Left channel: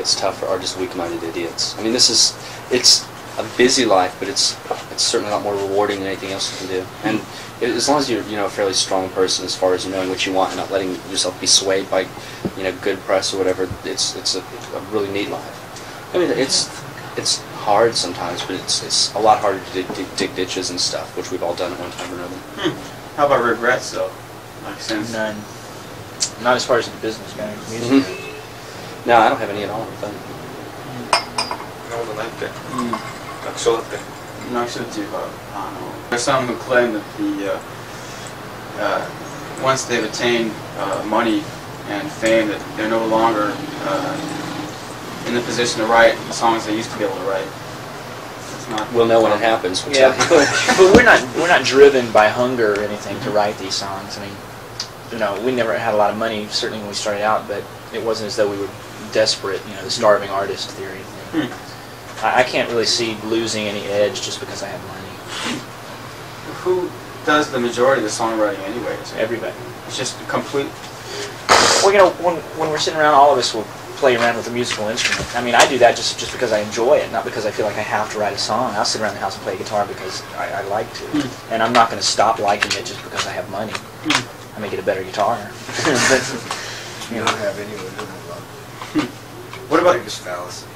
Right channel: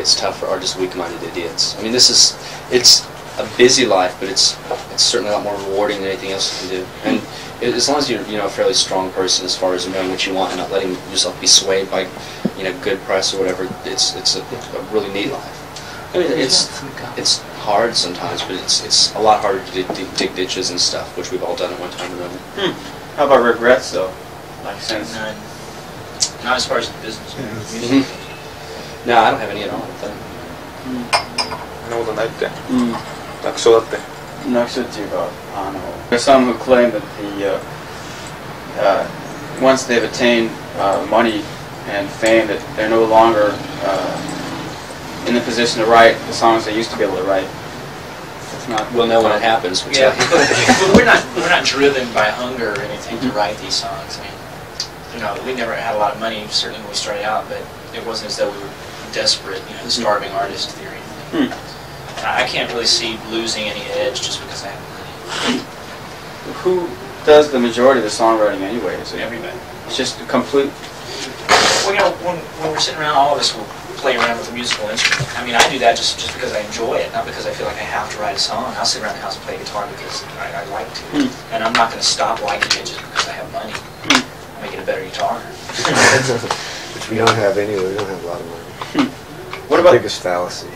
It's tough for artists, weak-minded idiots. I mean, it's a busy life, but it's certainly a lot more rewarding than anything else you can do. And as long as you're a fairly strong person as far as knowing what you want and not letting yourself be swayed by good press or whatever, it's a really neat life. I mean, it's hard sometimes, but it's a lot harder to dig ditches and stuff, which we've all done at one time or another. How about regrets, though? Like since none. Not as far as the business goes. No, I don't have any at all, I don't think. 楽勝だって。 No, there's some who claim that once they've attained money and fame, that they're no longer in the position to write the songs they used to be able to write. It's not. We'll know when it happens. We'll Yeah, but we're not driven by hunger or anything to write these songs. I mean, we never had a lot of money, certainly when we started out, but it wasn't as though we were desperate, the starving artist theory. I can't really see losing any edge just because I have money. Who does the majority of the songwriting anyway? Everybody. It's just a complete. Well, when we're sitting around, all of us will play around with a musical instrument. I mean, I do that just because I enjoy it, not because I feel like I have to write a song. I'll sit around the house and play guitar because I like to. And I'm not going to stop liking it just because I have money. I'll make it a better guitar. Which we don't have anyway. We don't have a lot of money. What about the biggest fallacy?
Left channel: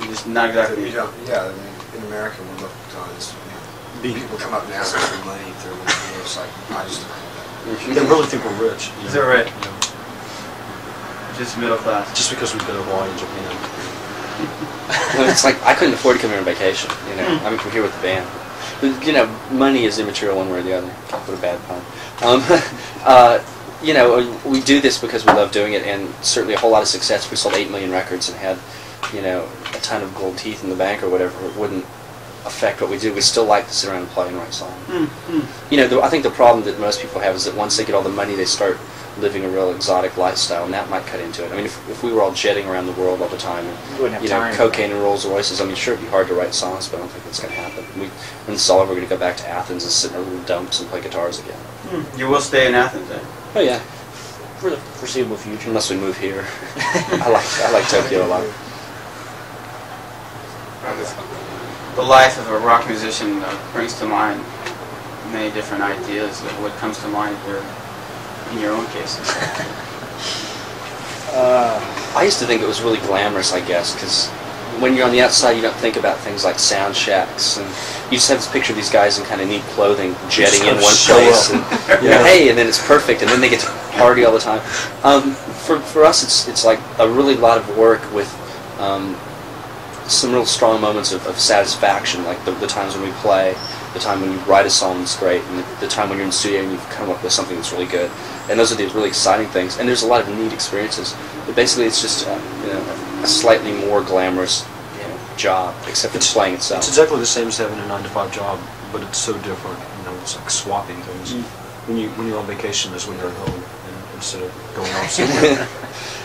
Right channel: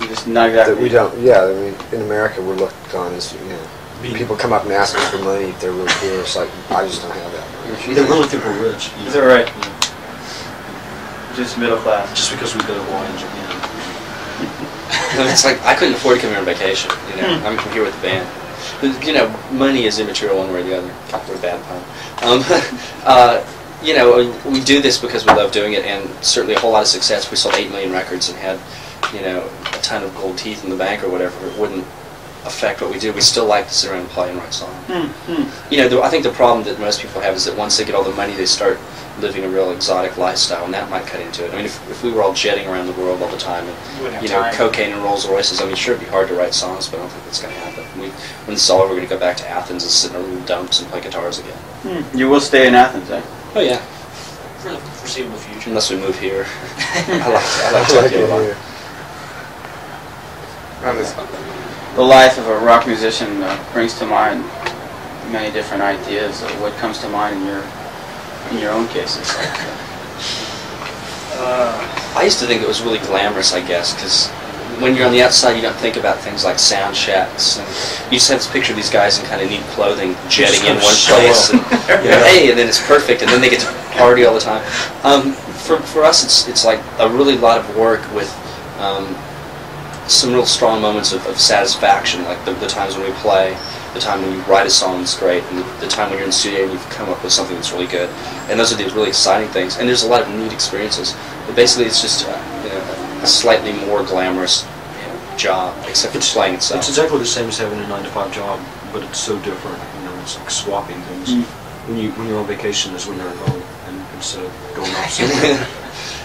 Just not exactly. That we don't. Yeah, I mean, in America, we're looked on as people come up and ask us for money if they're really poor. It's like I just don't have that. They really think we're rich. Is that right? Just middle class. Just because we've been to college, It's like I couldn't afford to come here on vacation. I'm here with the band. But, money is immaterial one way or the other. What a bad pun. We do this because we love doing it, and certainly a whole lot of success. We sold 8 million records and had, a ton of gold teeth in the bank or whatever. It wouldn't affect what we do. We still like to sit around and play and write songs. I think the problem that most people have is that once they get all the money, they start living a real exotic lifestyle, and that might cut into it. I mean, if we were all jetting around the world all the time and, cocaine and Rolls Royces, I mean, sure, it'd be hard to write songs, but I don't think that's going to happen. When this is all over, we're going to go back to Athens and sit in our little dumps and play guitars again. You will stay in Athens, eh? Oh, yeah. For the foreseeable future. Unless we move here. I like Tokyo a lot. The life of a rock musician brings to mind many different ideas. What comes to mind in your own cases? I used to think it was really glamorous, I guess, because when you're on the outside, you don't think about things like sound checks, and you just have this picture of these guys in kind of neat clothing jetting in one place, and hey, and then it's perfect, and then they get to party all the time. For us, it's like a really lot of work with some real strong moments of satisfaction, like the times when we play, the time when you write a song that's great, and the time when you're in the studio and you come up with something that's really good. And those are these really exciting things. And there's a lot of neat experiences. But basically, it's just a slightly more glamorous job, except for the playing itself. It's exactly the same as having a 9-to-5 job, but it's so different. It's like swapping things. When you're on vacation is when you're at home, and instead of going off somewhere.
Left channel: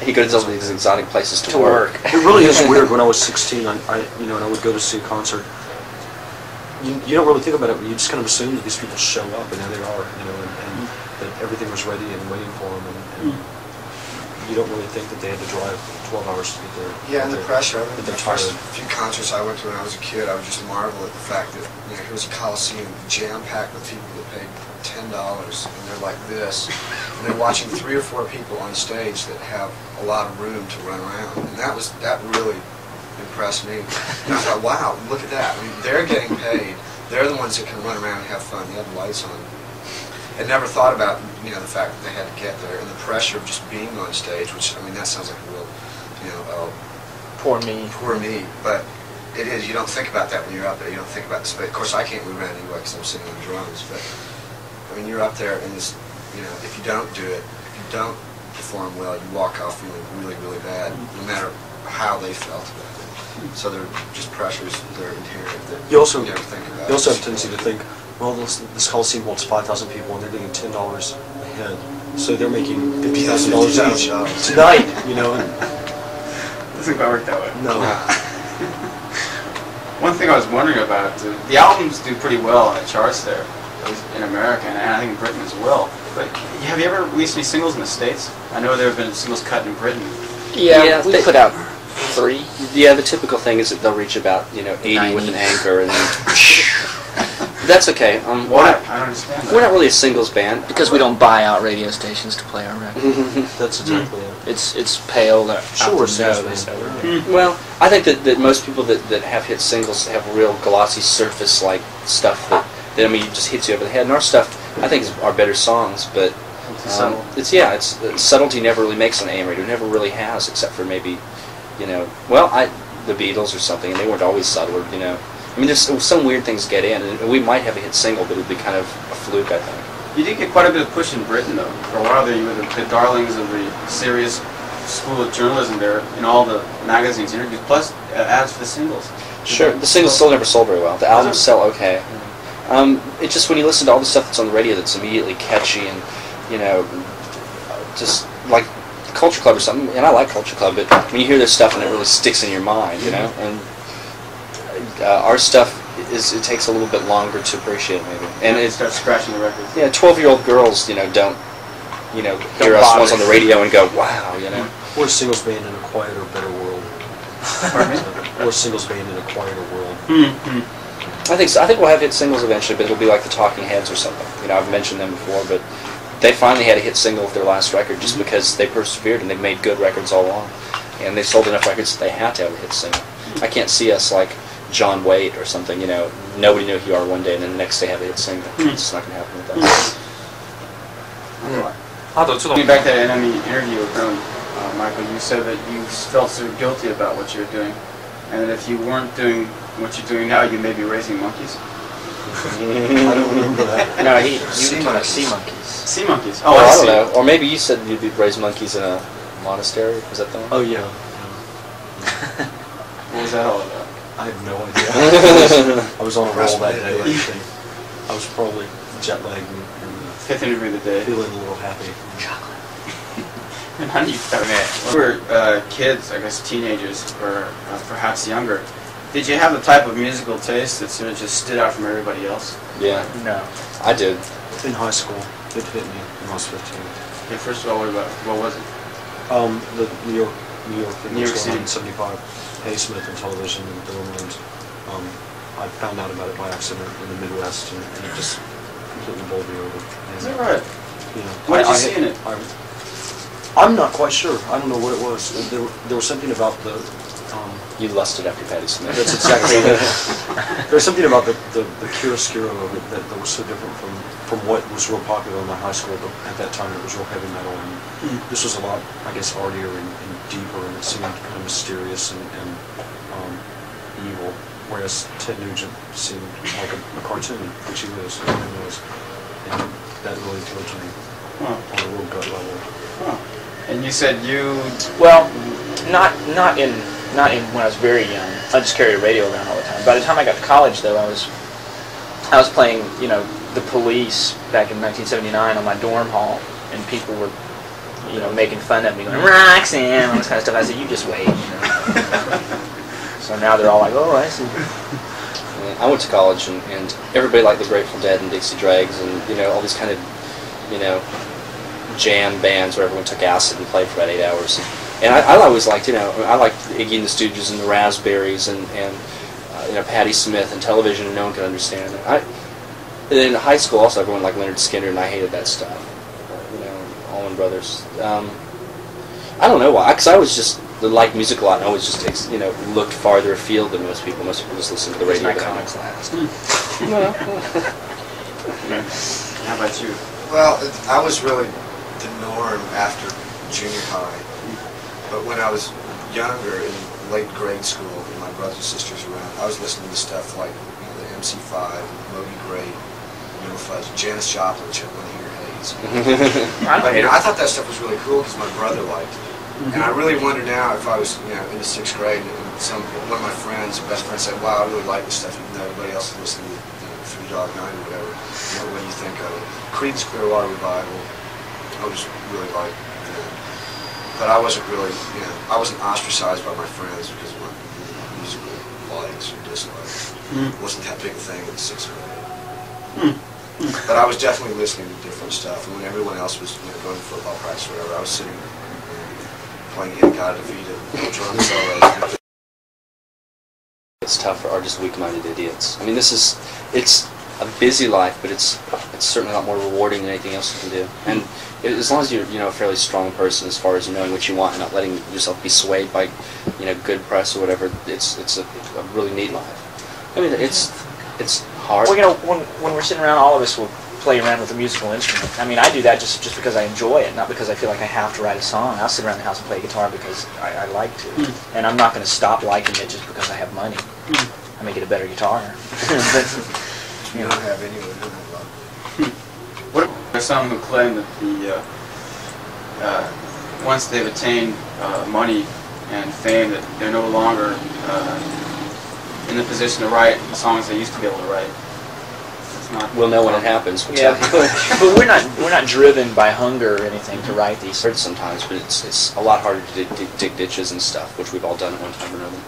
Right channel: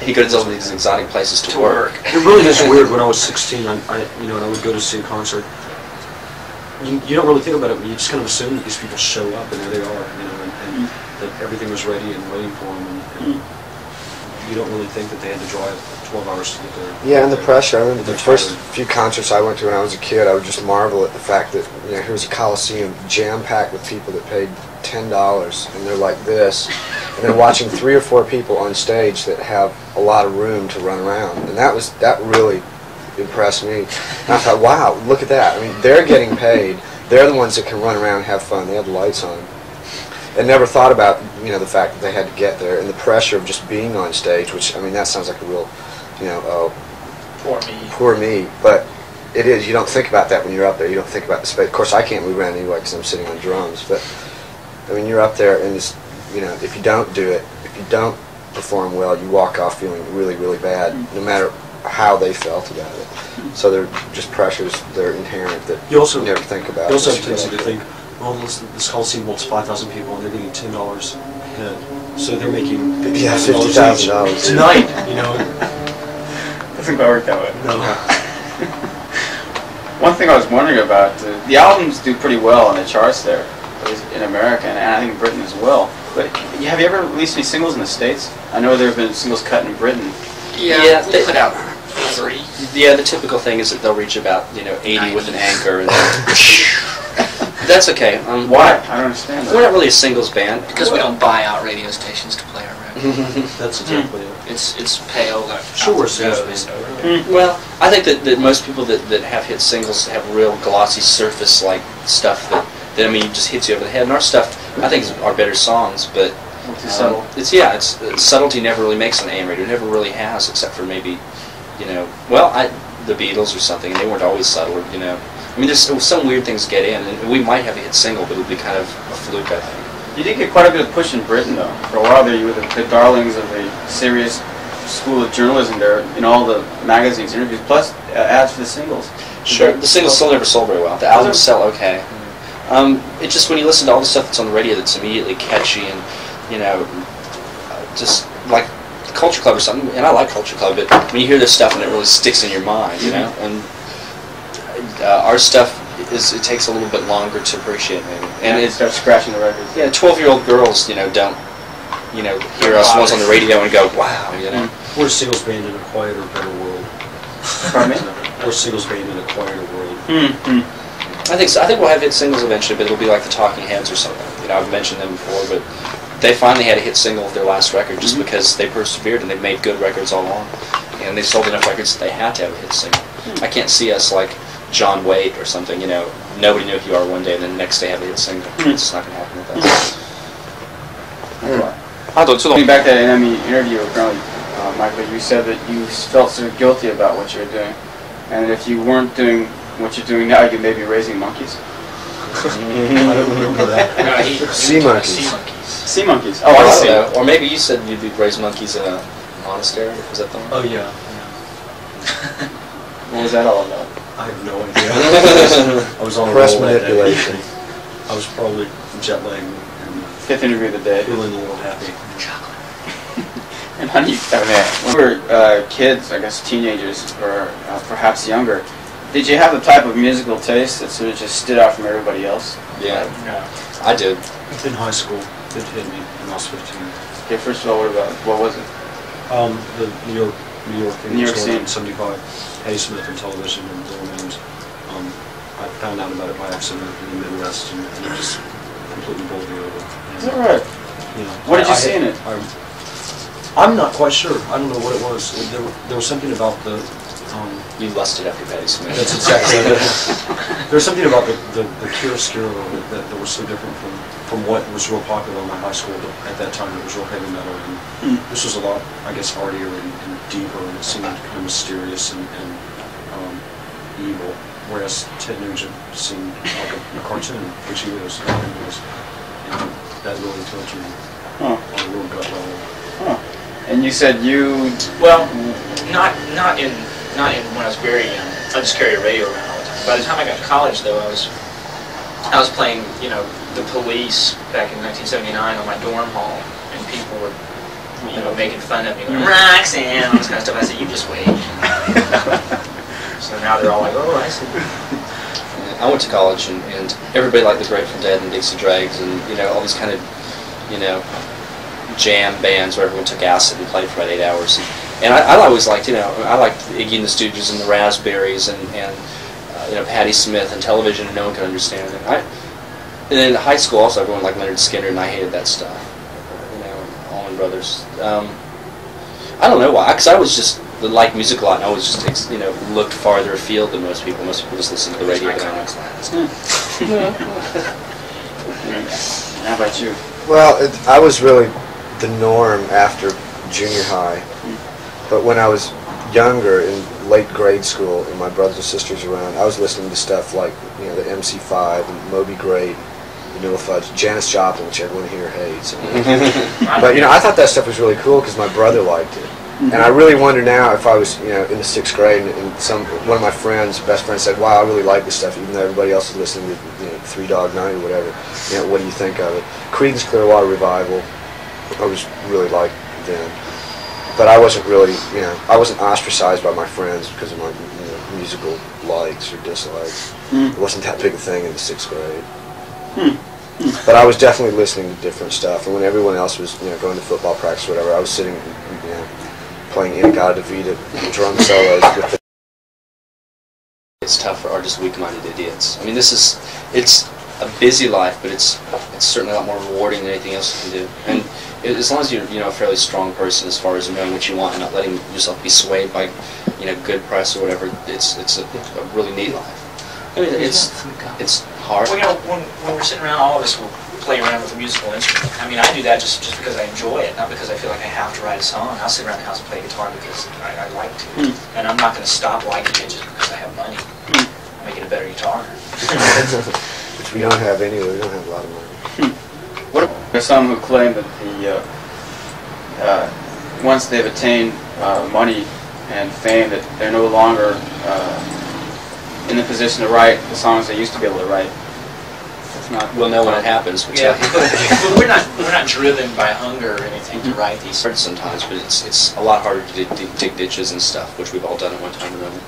You go to all these exotic places to work. It really is weird. When I was 16, I would go to see a concert. You don't really think about it, but you just kind of assume that these people show up, and there they are, and that everything was ready and waiting for them, and you don't really think that they had to drive 12 hours to get there. Yeah, and the pressure. I remember the first few concerts I went to when I was a kid, I would just marvel at the fact that, here's a Coliseum jam-packed with people that paid $10, and they're like this, and they're watching 3 or 4 people on stage that have a lot of room to run around, and that really impressed me. And I thought, wow, look at that. I mean, they're getting paid. They're the ones that can run around and have fun. They have the lights on. And never thought about, the fact that they had to get there and the pressure of just being on stage, which, I mean, that sounds like a real, poor me. Poor me. But it is. You don't think about that when you're out there. You don't think about the space. Of course, I can't move around anyway because I'm sitting on drums. But, I mean, you're up there and just, if you don't do it, if you don't perform well, you walk off feeling really, really bad, no matter how they felt about it. So they're just pressures that are inherent that you never think about. You also have tendency to think, well, this Coliseum wants 5,000 people and they're getting $10 head. So they're making $50,000 tonight, Doesn't quite work that way. No. One thing I was wondering about, the albums do pretty well on the charts there, at least in America, and I think in Britain as well. But have you ever released any singles in the States? I know there have been singles cut in Britain. Yeah, we they put out 3. Yeah, the typical thing is that they'll reach about 80 with an anchor, and that's okay. Why? I don't understand that. We're not really a singles band Because we don't buy out radio stations to play our record. That's exactly it. It's pale that Sure, out the yeah. nose. Well, I think that most people that have hit singles have real glossy surface-like stuff that just hits you over the head. And our stuff, I think, is our better songs, but it's subtlety never really makes an AM radio. It never really has, except for maybe, the Beatles or something, and they weren't always subtle, I mean, there's some weird things get in, and we might have a hit single, but it would be kind of a fluke, I think. You did get quite a bit of push in Britain, though. For a while there, you were the darlings of the serious school of journalism there in all the magazines, interviews, plus ads for the singles. Sure, the singles still never sold very well. The albums sell okay. It's just when you listen to all the stuff that's on the radio that's immediately catchy and, just like Culture Club or something, and I like Culture Club, but when you hear this stuff and it really sticks in your mind, and our stuff it takes a little bit longer to appreciate maybe. And it starts scratching the records. Yeah, 12-year-old girls, don't, hear us once on the radio and go, wow, We're a singles band in a quieter, better world. Pardon me? We're a singles band in a quieter world. I think so. I think we'll have hit singles eventually, but it'll be like the Talking Heads or something. I've mentioned them before, but they finally had a hit single with their last record just because they persevered and they made good records all along. And they sold enough records that they had to have a hit single. I can't see us like John Waite or something, nobody knew who you are one day and then the next day have a hit single. It's just not going to happen with us. Going back to that NME interview with Michael, you said that you felt sort of guilty about what you were doing, and that if you weren't doing what you're doing now, you may be raising monkeys. I don't remember that. No, Sea monkeys. Sea monkeys. Sea monkeys. Oh, I don't know. Or maybe you said you'd raise monkeys in a monastery. Was that the one? Oh, yeah. What was that all about? I have no idea. I was on a Press roll that day. manipulation. I was probably jet lagged and Fifth interview of the day. feeling a little happy. And how do you, when we were kids, I guess teenagers, or perhaps younger, did you have the type of musical taste that sort of just stood out from everybody else? Yeah, No. I did. In high school, it hit me when I was 15. Okay, first of all, what was it? The New York New York scene. 75. A. Smith on television and their names. I found out about it by accident in the Midwest and it just completely bowled me over. Is that right? What did you see in it? I'm not quite sure. I don't know what it was. There was something about the... You lusted after Patti Smith. That's exactly right. There was something about the chiaroscuro that was so different from what was real popular in my high school, but at that time it was real heavy metal. And this was a lot, I guess, artier and deeper, and it seemed mysterious and evil, whereas Ted Nugent seemed like a cartoon, which he was. And that really thrilled me. On a real gut level. And you said Well, not in when I was very young. I just carried a radio around all the time. By the time I got to college, though, I was playing, the Police back in 1979 on my dorm hall, and people were, making fun of me, going, Roxanne, all this kind of stuff. I said, you just wait. So now they're all like, oh, I see. I went to college and everybody liked the Grateful Dead and Dixie Dregs and all these kind of jam bands where everyone took acid and played for about 8 hours. And I always liked, I liked Iggy and the Stooges and the Raspberries and Patti Smith and television, and no one could understand it. And in high school also everyone liked Leonard Skinner, and I hated that stuff. Allman Brothers. I don't know why, because I was just liked music a lot, and I always just looked farther afield than most people. Most people just listen to the radio. How about you? Well, I was really the norm after junior high. But when I was younger, in late grade school, and my brothers and sisters around, I was listening to stuff like, the MC5 and Moby Grape, Vanilla Fudge, Janis Joplin, which everyone here hates. But, I thought that stuff was really cool because my brother liked it. And I really wonder now if I was, in the 6th grade, and one of my friends, best friend, said, "Wow, I really like this stuff," even though everybody else is listening to, Three Dog Night or whatever. What do you think of it? Creedence Clearwater Revival, I was really liked then. But I wasn't really, I wasn't ostracized by my friends because of my musical likes or dislikes. It wasn't that big a thing in the 6th grade. But I was definitely listening to different stuff. And when everyone else was, going to football practice or whatever, I was sitting, playing In-A-Gadda-Da-Vida drum solos with the It's tough for artists weak-minded idiots. I mean, it's a busy life, but it's certainly a lot more rewarding than anything else you can do. And as long as you're a fairly strong person as far as knowing what you want and not letting yourself be swayed by good press or whatever, it's a really neat life. I mean, it's hard. Well, when we're sitting around, all of us will play around with a musical instrument. I mean, I do that just because I enjoy it, not because I feel like I have to write a song. I'll sit around the house and play guitar because I like to. And I'm not going to stop liking it just because I have money. I'll make it a better guitar. which we don't have anyway. We don't have a lot of money. What are some who claim that once they've attained money and fame, that they're no longer in the position to write the songs they used to be able to write? We'll know when it happens. We'll yeah. But we're not driven by hunger or anything to write these. Hard sometimes, but it's a lot harder to dig ditches and stuff, which we've all done at one time or another.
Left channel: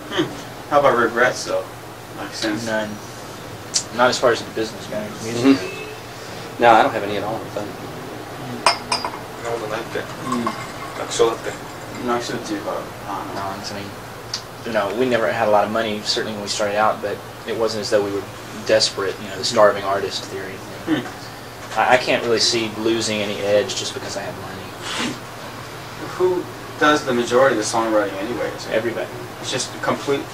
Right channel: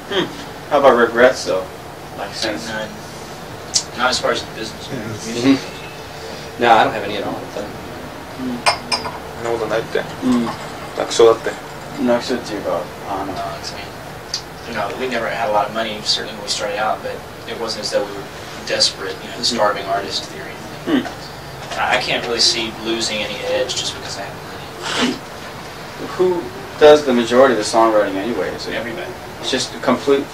How about regrets, though? Like since none. Not as far as the business goes. No, I don't have any at all. I think. そんなことないって楽勝だって not sure to you about On and on. I mean, we never had a lot of money, certainly when we started out, but it wasn't as though we were desperate, the starving artist theory. I can't really see losing any edge just because I have money. Who does the majority of the songwriting anyway? Is it Everybody. It's just a complete